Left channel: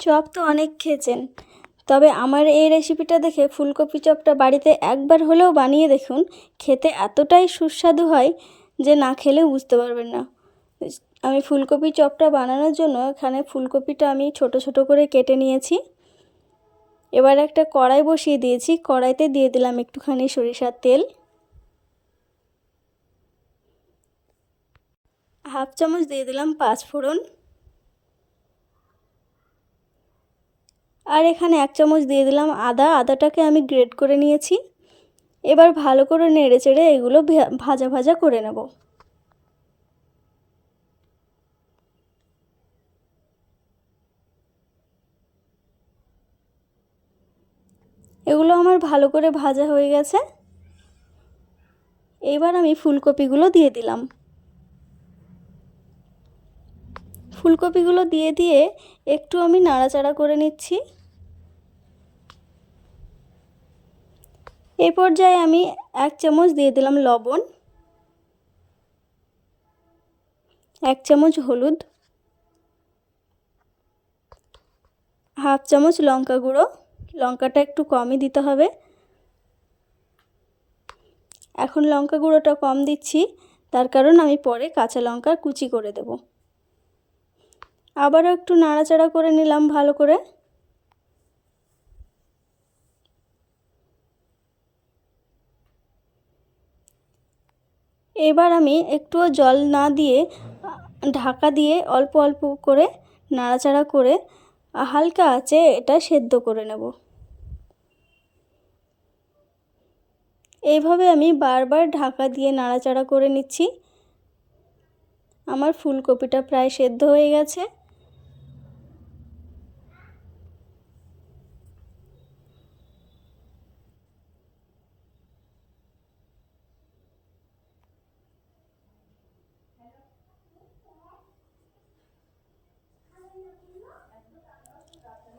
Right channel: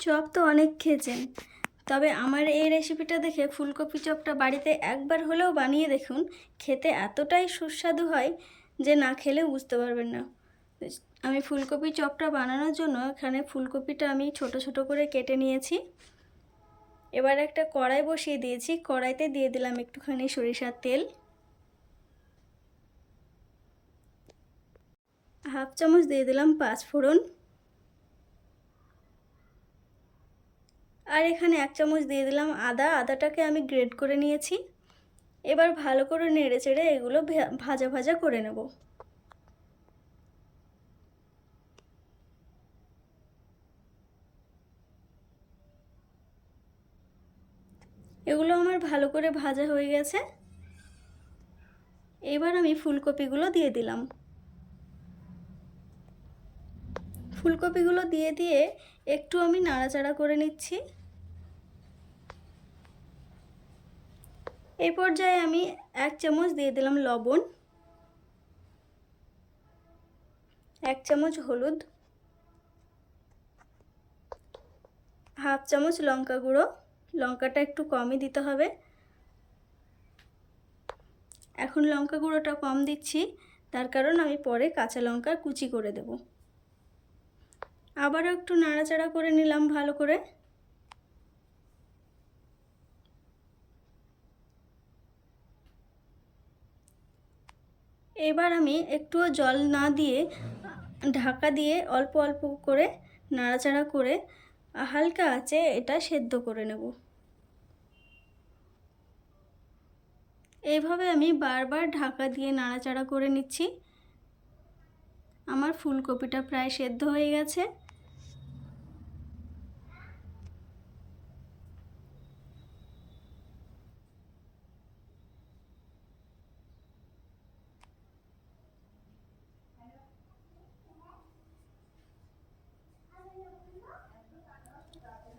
Chop তো অনেক খেয়েছেন, তবে আমার এই রেসিপিটা দেখে ফুলকপি চপটা বাড়িতে একবার হলেও বানিয়ে দেখুন। খেতে এতটাই সুস্বাদু হয় যে না খেলেও বুঝতে পারবেন না। আমি ফুলকপি চপটা বানানোর জন্য এখানে ফুলকপিটা আমি ছোট ছোট করে কেটে নিয়েছি। এবার একটা কড়াই বসিয়ে দিয়েছি, কড়াইতে দিয়ে দিলাম একটুখানি সরিষার তেল, হাফ চামচ দিয়ে দিলাম পাঁচফোড়ন, আর এখানে এক চামচ দিয়ে দিলাম আদাটাকে আমি গ্রেট করে নিয়েছি। এবার ভালো করে নেড়ে চেড়ে এগুলো ভাজা ভাজা করে নেব। এগুলো আমার ভালো করে ভাজা হয়ে গেছে। এবার আমি ফুলকপিগুলো দিয়ে দিলাম। ফুলকপিগুলো দিয়ে একটু আমি নাড়াচাড়া করে নিচ্ছি। এই পর্যায়ে আমি এক চামচ দিয়ে দিলাম লবণ, এক চামচ হলুদ, হাফ চামচ লঙ্কা গুঁড়ো, লঙ্কাটা একটু কমই দিতে হবে। এখন লঙ্কা গুঁড়োটা কম দিচ্ছি, তার কারণ আমি পরে কাঁচা লঙ্কা কুচি করে দেব। আবারও একটু নাড়াচাড়া করে নিলাম ভালো করে। এবার আমি একটুও জল না দিয়ে ঢাকা দিয়ে অল্প অল্প করে নাড়াচাড়া করে হালকা আঁচে এটা সেদ্ধ করে নেব। এইভাবে আমি বারবার ঢাকা দিয়ে নাড়াচাড়া করে নিচ্ছি। আমার ফুলকপিটা প্রায় সেদ্ধ হয়ে গেছে।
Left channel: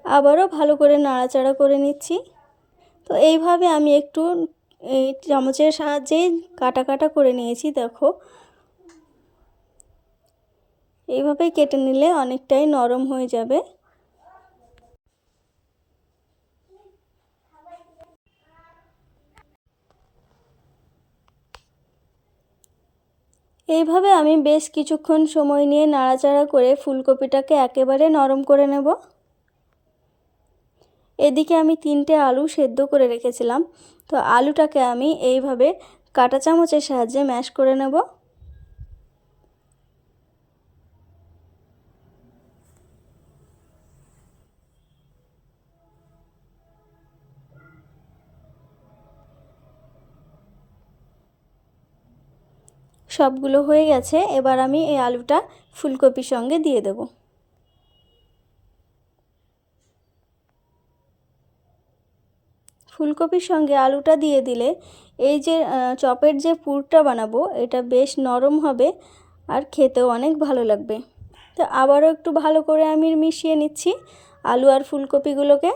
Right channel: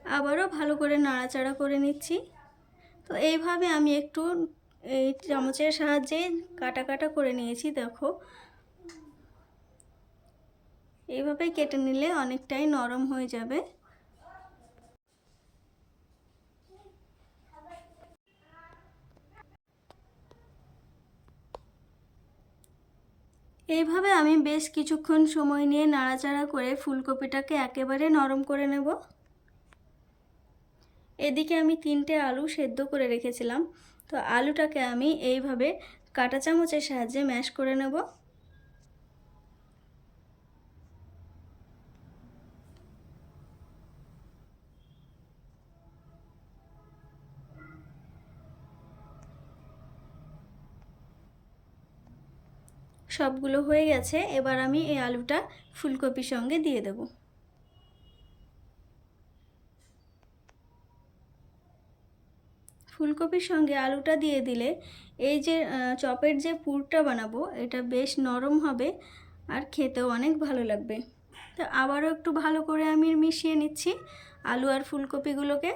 আবারও ভালো করে নাড়াচাড়া করে নিচ্ছি। তো এইভাবে আমি একটু এই চামচের সাহায্যে কাটা কাটা করে নিয়েছি। দেখো, এইভাবে কেটে নিলে অনেকটাই নরম হয়ে যাবে। এইভাবে আমি বেশ কিছুক্ষণ সময় নিয়ে নাড়াচাড়া করে ফুলকপিটাকে একেবারে নরম করে নেব। এদিকে আমি 3টে আলু সেদ্ধ করে রেখেছিলাম, তো আলুটাকে আমি এইভাবে কাঁটা চামচের সাহায্যে ম্যাশ করে নেব। সবগুলো হয়ে গেছে। এবার আমি এই আলুটা ফুলকপির সঙ্গে দিয়ে দেব। ফুলকপির সঙ্গে আলুটা দিয়ে দিলে এই যে চপের যে পুরটা বানাবো এটা বেশ নরম হবে আর খেতেও অনেক ভালো লাগবে। তো আবারও একটু ভালো করে আমি মিশিয়ে নিচ্ছি আলু আর ফুলকপিগুলোকে।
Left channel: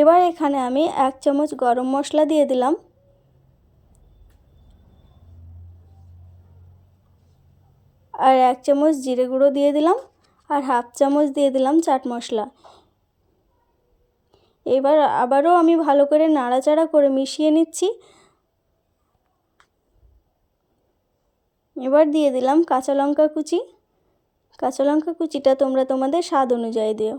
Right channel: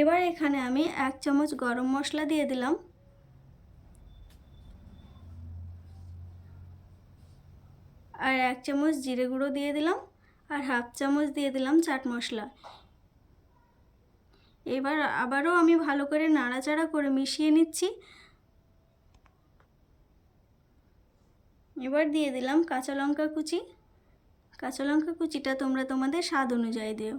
এবার এখানে আমি 1 চামচ গরম মশলা দিয়ে দিলাম, আর 1 চামচ জিরে গুঁড়ো দিয়ে দিলাম, আর হাফ চামচ দিয়ে দিলাম চাট মশলা। এবার আবারও আমি ভালো করে নাড়াচাড়া করে মিশিয়ে নিচ্ছি। এবার দিয়ে দিলাম কাঁচা লঙ্কা কুচি। কাঁচা লঙ্কা কুচিটা তোমরা তোমাদের স্বাদ অনুযায়ী দিও।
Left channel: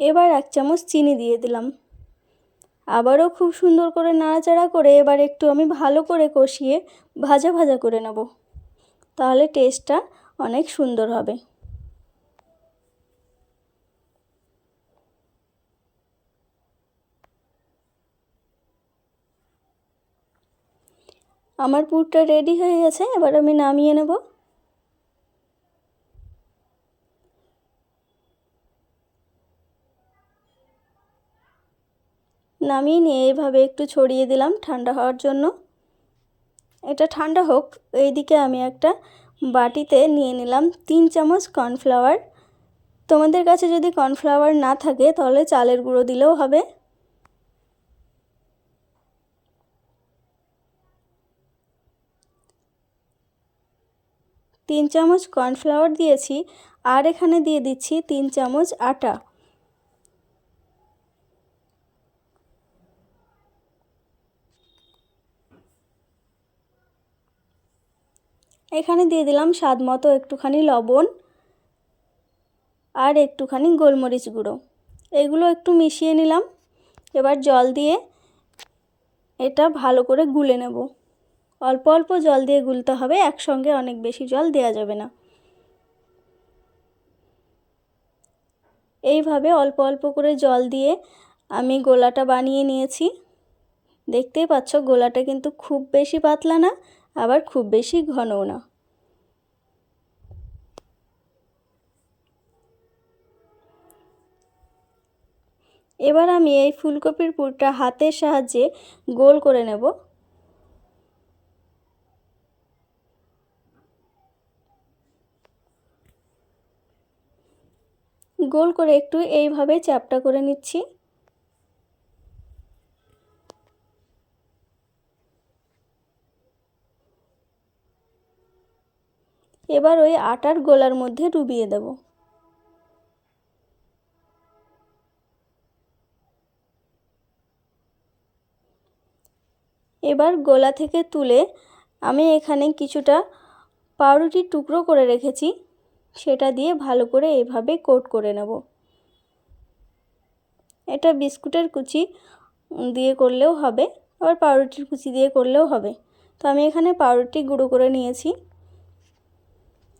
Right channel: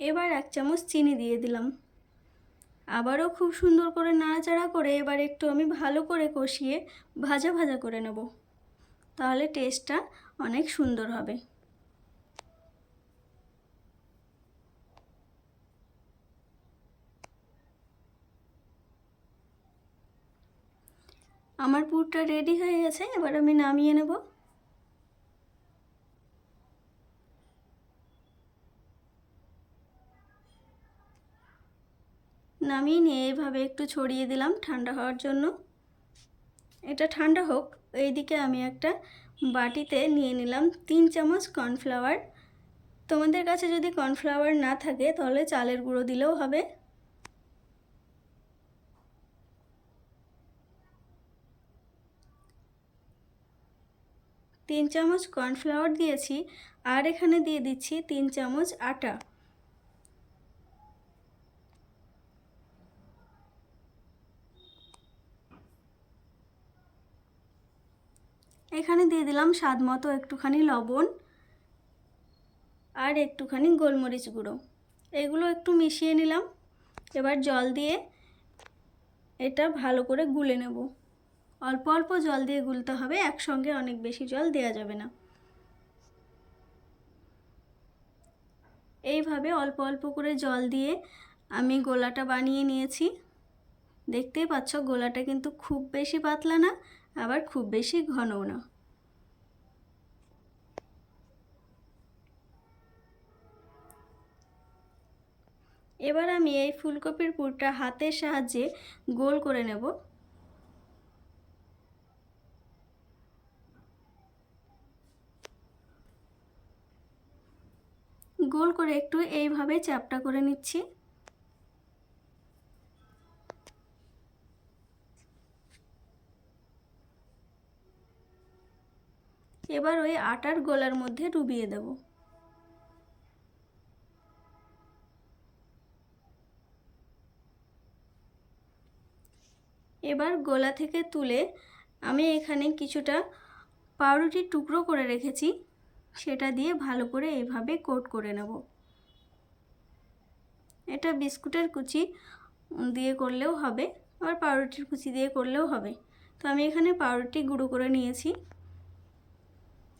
এবার 1 চামচ চিনি দিয়ে দিলাম। আবারও খুব সুন্দর করে নাড়াচাড়া করে এবার একটু আমি ভালো করে কষিয়ে ভাজা ভাজা করে নেব, তাহলে টেস্টটা অনেক সুন্দর হবে। আমার পুরটা রেডি হয়ে গেছে, এবার আমি নামিয়ে নেব। নামিয়ে নিয়ে এভাবে একটু ছড়িয়ে দিলাম ঠান্ডা হওয়ার জন্য। এটা ঠান্ডা হোক। এইদিকে আমি একটা বাটিতে নিয়ে নিলাম 3 চামচ কর্নফ্লাওয়ার। তোমাদের কাছে যদি কর্নফ্লাওয়ার না থাকে তাহলে চালের গুঁড়ো দিলেও হবে। তিন চামচ কর্নফ্লাওয়ার দিয়েছি, আর এখানে দিয়ে দিচ্ছি 3 চামচ আটা। এখানে দিয়ে দিলাম স্বাদ মতো একটুখানি লবণ আর একটুখানি গোলমরিচ গুঁড়ো। এগুলো একটু মিশিয়ে নিলাম। এবার জল দিয়ে এটা ভালো করে গুলে নেব। অল্প অল্প জল দিয়ে গুলতে হবে, একসঙ্গে অনেক বেশি জল দেওয়া যাবে না। এইভাবে অল্প অল্প করে জল দিয়ে আমি গোলাটা বানিয়ে নিয়েছি। দেখতেই পাচ্ছ গোলাটা কিন্তু খুব বেশি পাতলা না, আবার খুব বেশি ঘনও না। এবার আমি এই ফুলকপির পুরটা হাতের সাহায্যে গোল করে নেব। গোল করে একটু এইভাবে চ্যাপ্টা করে নিচ্ছি। এবার ওই আটার গোলার মধ্যে ডুবিয়ে দেব। এবার গোলা থেকে তুলে আমি এখানে কিছুটা পাউরুটির টুকরো করে রেখেছি, সেটা দিয়ে ভালো করে এইভাবে কোট করে নেব। এটা বিস্কুটের কুচি দিয়ে করলেও হবে, আবার পাউরুটির কুচি দিয়ে করলেও হবে। তো আমি এখানে পাউরুটি গুঁড়ো করে নিয়েছি।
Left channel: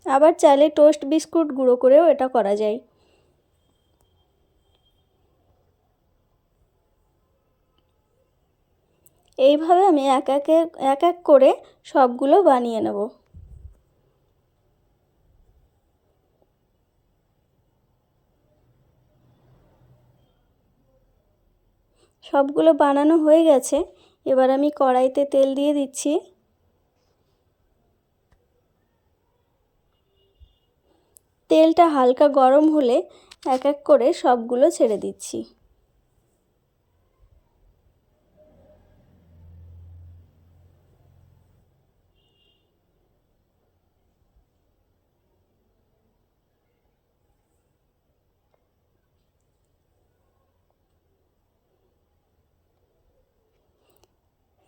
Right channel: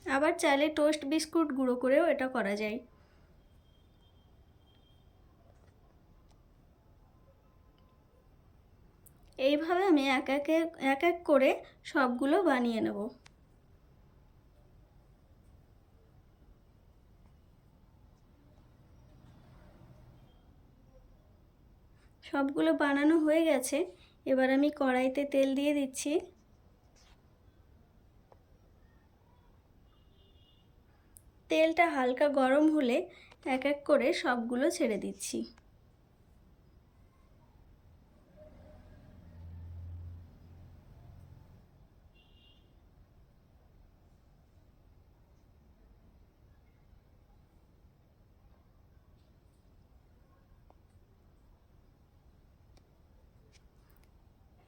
আবার চাইলে টোস্ট বিস্কুট গুঁড়ো করেও এটা করা যায়। এইভাবে আমি এক এক করে সবগুলো বানিয়ে নেব। সবগুলো বানানো হয়ে গেছে। এবার আমি কড়াইতে তেল দিয়ে দিচ্ছি। তেলটা হালকা গরম হলে এক এক করে সবগুলো ছেড়ে দিচ্ছি।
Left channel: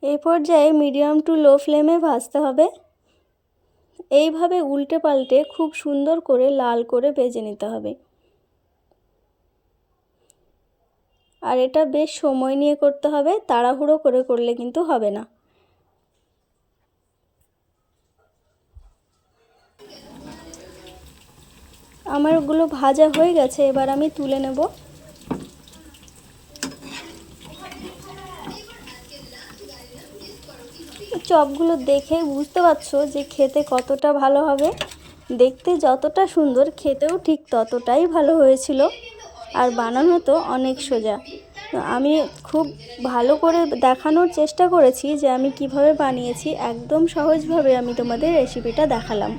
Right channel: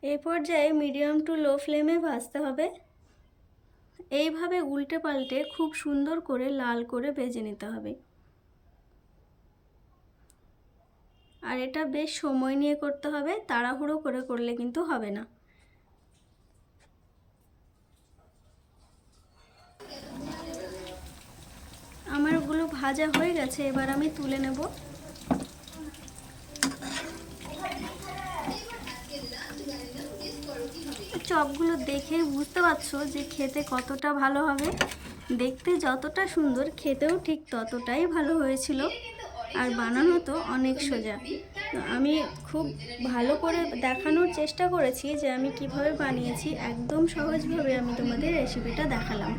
এই পর্যায়ে মিডিয়াম টু লো ফ্লেমে ভাজতে হবে। এইভাবে উল্টে পাল্টে খুব সুন্দর করে লাল করে ভেজে নিতে হবে। আর এটা বেশ সময় নিয়ে করতে হবে, তাড়াহুড়ো করে করলে কিন্তু হবে না। আমারগুলো ভাজা হয়ে গেছে, এবার আমি তুলে নেব। চপগুলো দেখে বুঝতে পারছো যে খেতে কতটা ভালো হবে। দেখতে যতটা সুন্দর, খেতেও ঠিক ততটাই ভালো হয়েছিল। আর বানানো তো অনেক সোজা। আমি খুব ভালো করে দেখানোর চেষ্টা করেছি যে আমি কিভাবে বানিয়েছি। একদম সহজভাবে আমি তোমাদের রেসিপিটা দেখালাম।